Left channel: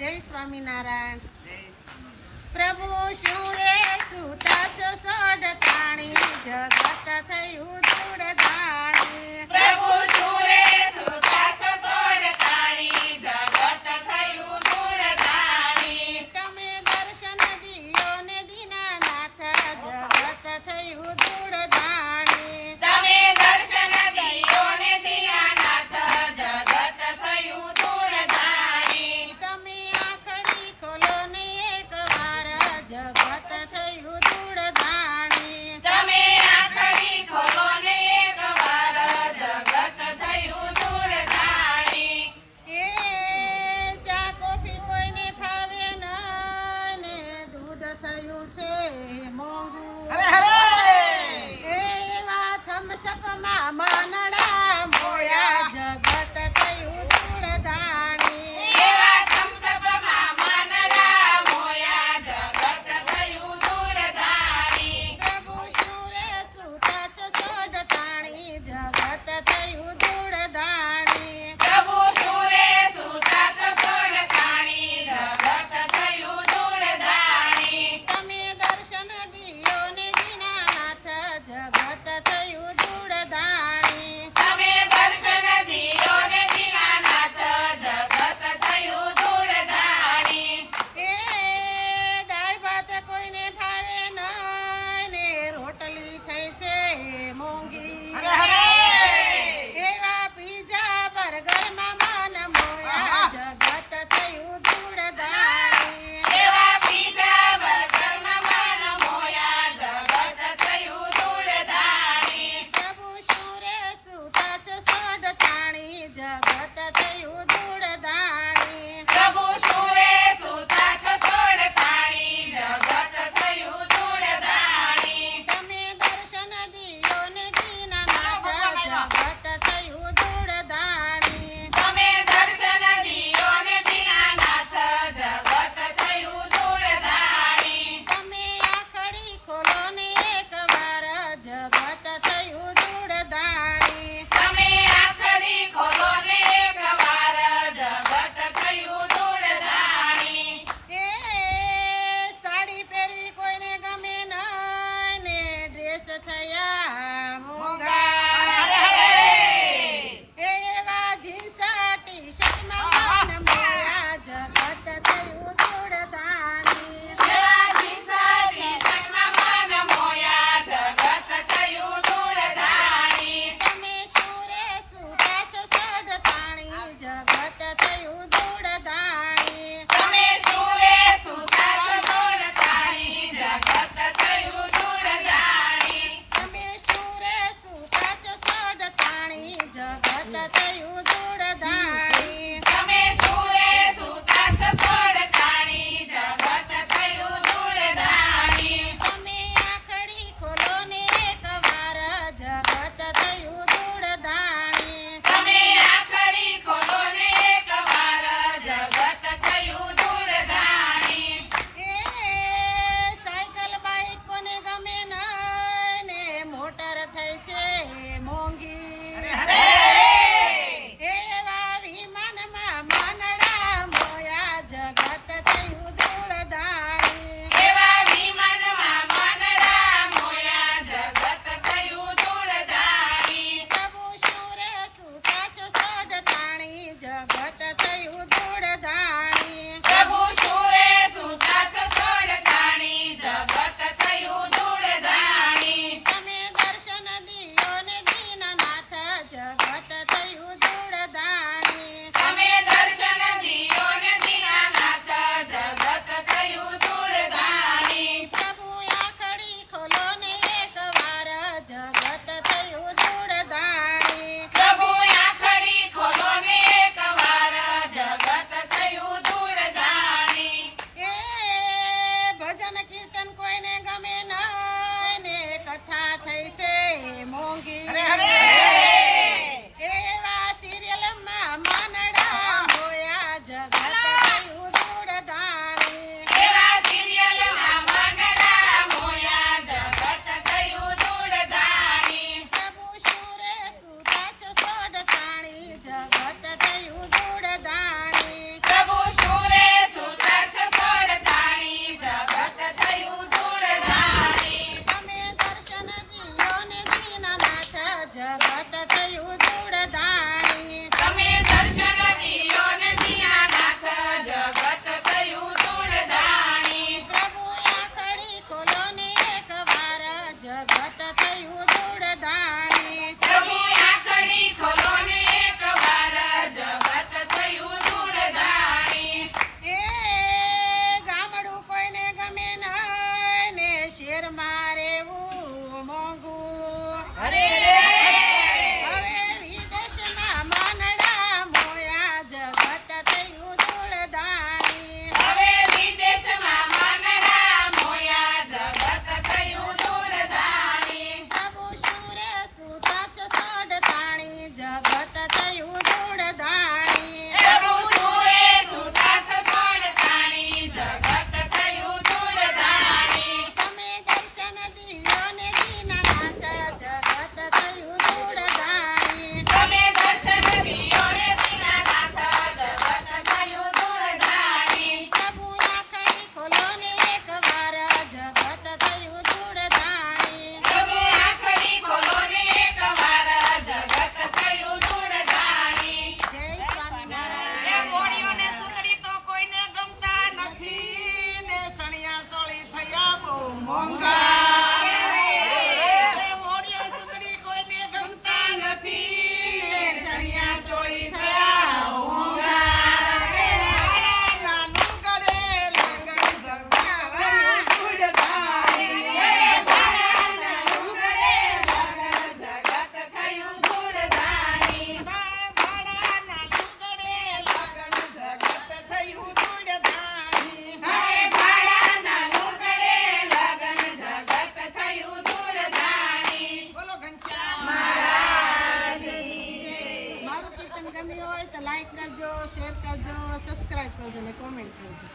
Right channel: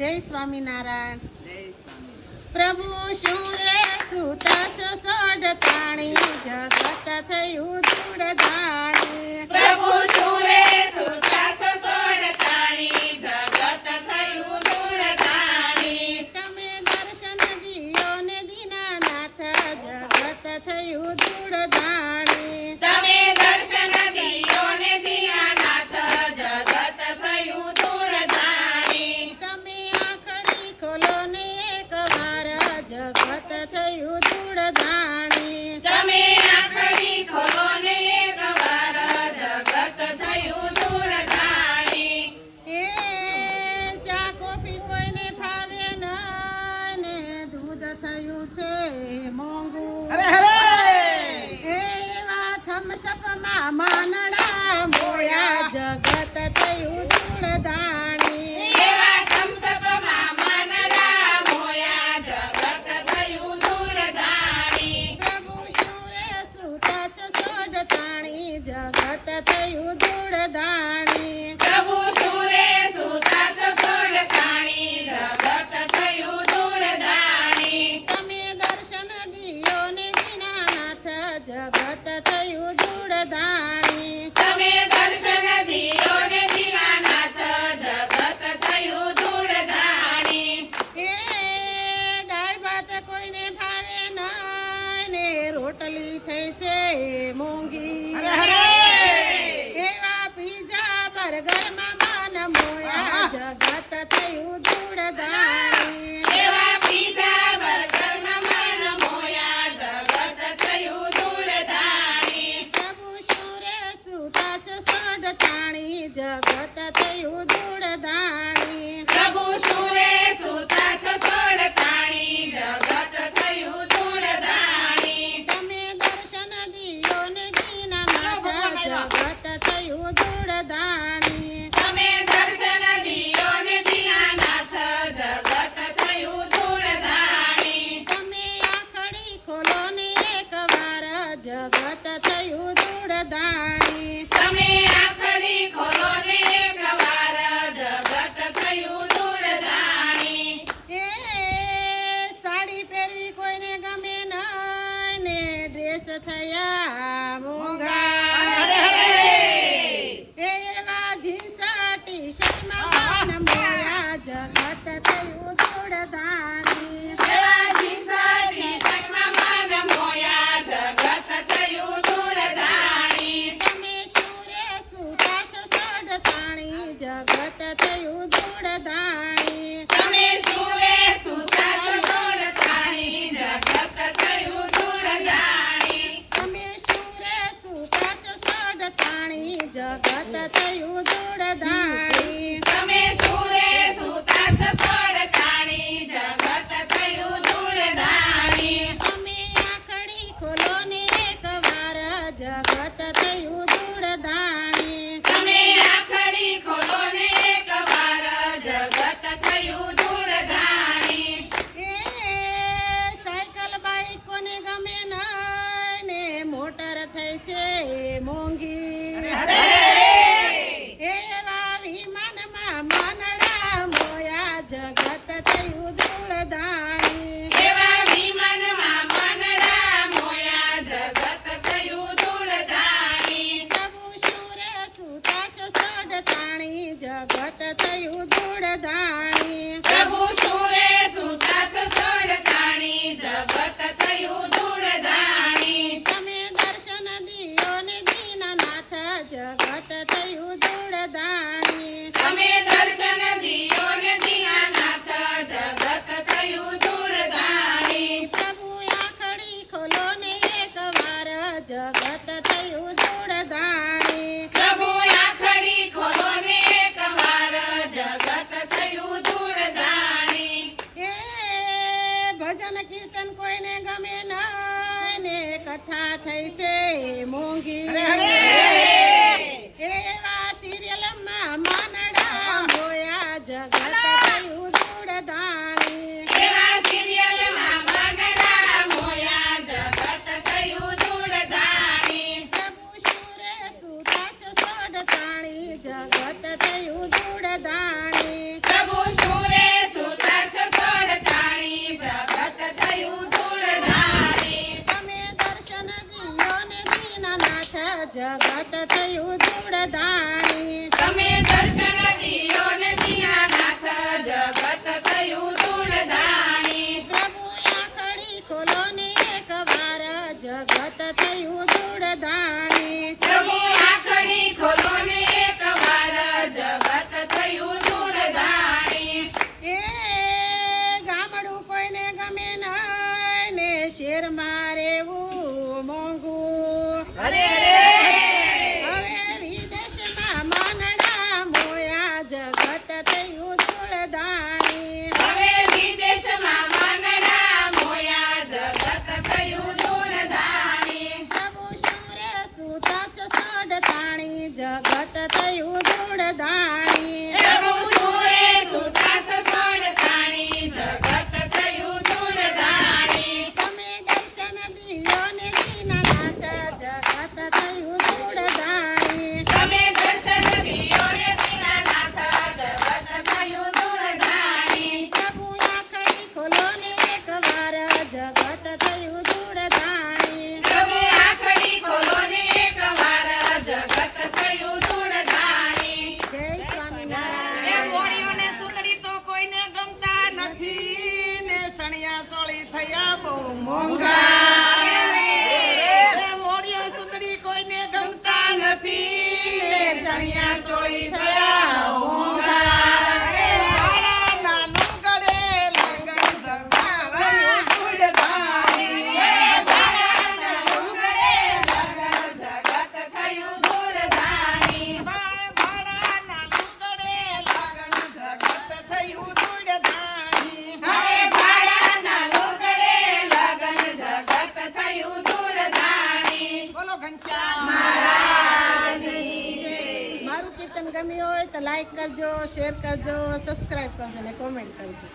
જય સ્વામિનારાયણ. જય સ્વામિનારાયણ. પ્રભુ શું રે સુતા છો સોડતાણી, જગત થયું ધૂળધાણી. પ્રભુ શું રે સુતા છો સોડતાણી, જગત થયું ધૂળધાણી. તમે દર્શન દિયો ને દીનાનાથ, જગત થયું ધૂળધાણી. તમે દર્શન દિયો ને દીનાનાથ, જગત થયું ધૂળધાણી. તમે આંખડી ખોલો ને એક વાર, જગત થયું ધૂળધાણી. તમે આંખડી ખોલો ને એક વાર, જગત થયું ધૂળધાણી. એ ચા કોફી કોઈને ફાવે ના ને, દૂધ થયું છે મોંઘું. એવા થમ્સઅપમાં માનડા મોયા, જગત થયું ધૂળધાણી. એવા થમ્સઅપમાં માનડા મોયા, જગત થયું ધૂળધાણી. પ્રભુ શું રે સુતા છો સોડતાણી, જગત થયું ધૂળધાણી. પ્રભુ શું રે સુતા છો સોડતાણી, જગત થયું ધૂળધાણી. તમે દર્શન દિયો ને દીનાનાથ, જગત થયું ધૂળધાણી. તમે દર્શન દિયો ને દીનાનાથ, જગત થયું ધૂળધાણી. એ દાળ ભાત કોઈને ભાવે ના ને, રોટલી થઈ છે મોંઘી. એવા પીઝા બર્ગરમાં માન મોયા, જગત થયું ધૂળધાણી. એવા પીઝા બર્ગરમાં માન મોયા, જગત થયું ધૂળધાણી. પ્રભુ શું રે સુતા છો સોડતાણી, જગત થયું ધૂળધાણી. પ્રભુ શું રે સુતા છો સોડતાણી, જગત થયું ધૂળધાણી. તમે દર્શન દિયો ને દીનાનાથ, જગત થયું ધૂળધાણી. તમે દર્શન દિયો ને દીનાનાથ, જગત થયું ધૂળધાણી. તમે આંખડી ખોલો ને એક વાર, જગત થયું ધૂળધાણી. તમે આંખડી ખોલો ને એક વાર, જગત થયું ધૂળધાણી. એ સાડી પહેરવી કોઈને ગમે ના ને, ડ્રેસ થયા મોંઘા. એવા જીન્સ ટી શર્ટમાં માન મોયા, જગત થયું ધૂળધાણી. એવા જીન્સ ટી-શર્ટમાં માન મોયા, જગત થયું ધૂળધાણી. તમે શું રે સુતા છો સોડતાણી, જગત થયું ધૂળધાણી. તમે શું રે સુતા છો સોડતાણી, જગત થયું ધૂળધાણી. તમે શું રે સુતા છો સોડતાણી, જગત થયું ધૂળધાણી. તમે શું રે સુતા છો સોડતાણી, જગત થયું ધૂળધાણી. તમે આંખડી ખોલો ને એક વાર, જગત થયું ધૂળધાણી. તમે આંખડી ખોલો ને એક વાર, જગત થયું ધૂળધાણી. એ સાયકલ બાઈક કોને ગમે ના ને, મોટર થઈ છે મોંઘી. એવા વિમાનમાં માનડા મોયા, જગત થયું ધૂળધાણી. એવા વિમાનમાં માનડા મોયા, જગત થયું ધૂળધાણી. પ્રભુ શું રે સુતા છો સોડતાણી, જગત થયું ધૂળધાણી. પ્રભુ શું રે સુતા છો સોડતાણી, જગત થયું ધૂળધાણી. તમે દર્શન દિયો ને દીનાનાથ, જગત થયું ધૂળધાણી. તમે દર્શન દિયો ને દીનાનાથ, જગત થયું ધૂળધાણી. પ્રભુ આંખડી ખોલો ને એક વાર, જગત થયું ધૂળધાણી. પ્રભુ આંખડી ખોલો ને એક વાર, જગત થયું ધૂળધાણી. એ ભજન કીર્તન કોઈને ગમે ના ને, કથા થઈ છે મોંઘી. એવા સિરિયલમાં માનડા મોયા, જગત થયું ધૂળધાણી. એવા સિરિયલમાં માનડા મોયા, જગત થયું ધૂળધાણી. પ્રભુ શું રે સુતા છો સોડતાણી, જગત થયું ધૂળધાણી. પ્રભુ શું રે મોંઘા એ મોડિયા સુંદરી કોઈને ગમતા નથી ને ચણિયા ચોળી થયા મોંઘા એ માળાના લુગડે લગન ભગવાન ધૂળધાણી એ માળાના લુગડે લગન જગત થયું ધૂળધાણી માળાના લુગડે લગન જગત થયું ધૂળધાણી હવે ભાડાના લુગડે લગન જગત થયું ધૂળધાણી બોલો ઘનશ્યામ મારું કીર્તન ગમ્યું હોય તો લાઈક કરજો, શેર કરજો, સબસ્ક્રાઇબ કરજો અને કોમેન્ટ કરજો.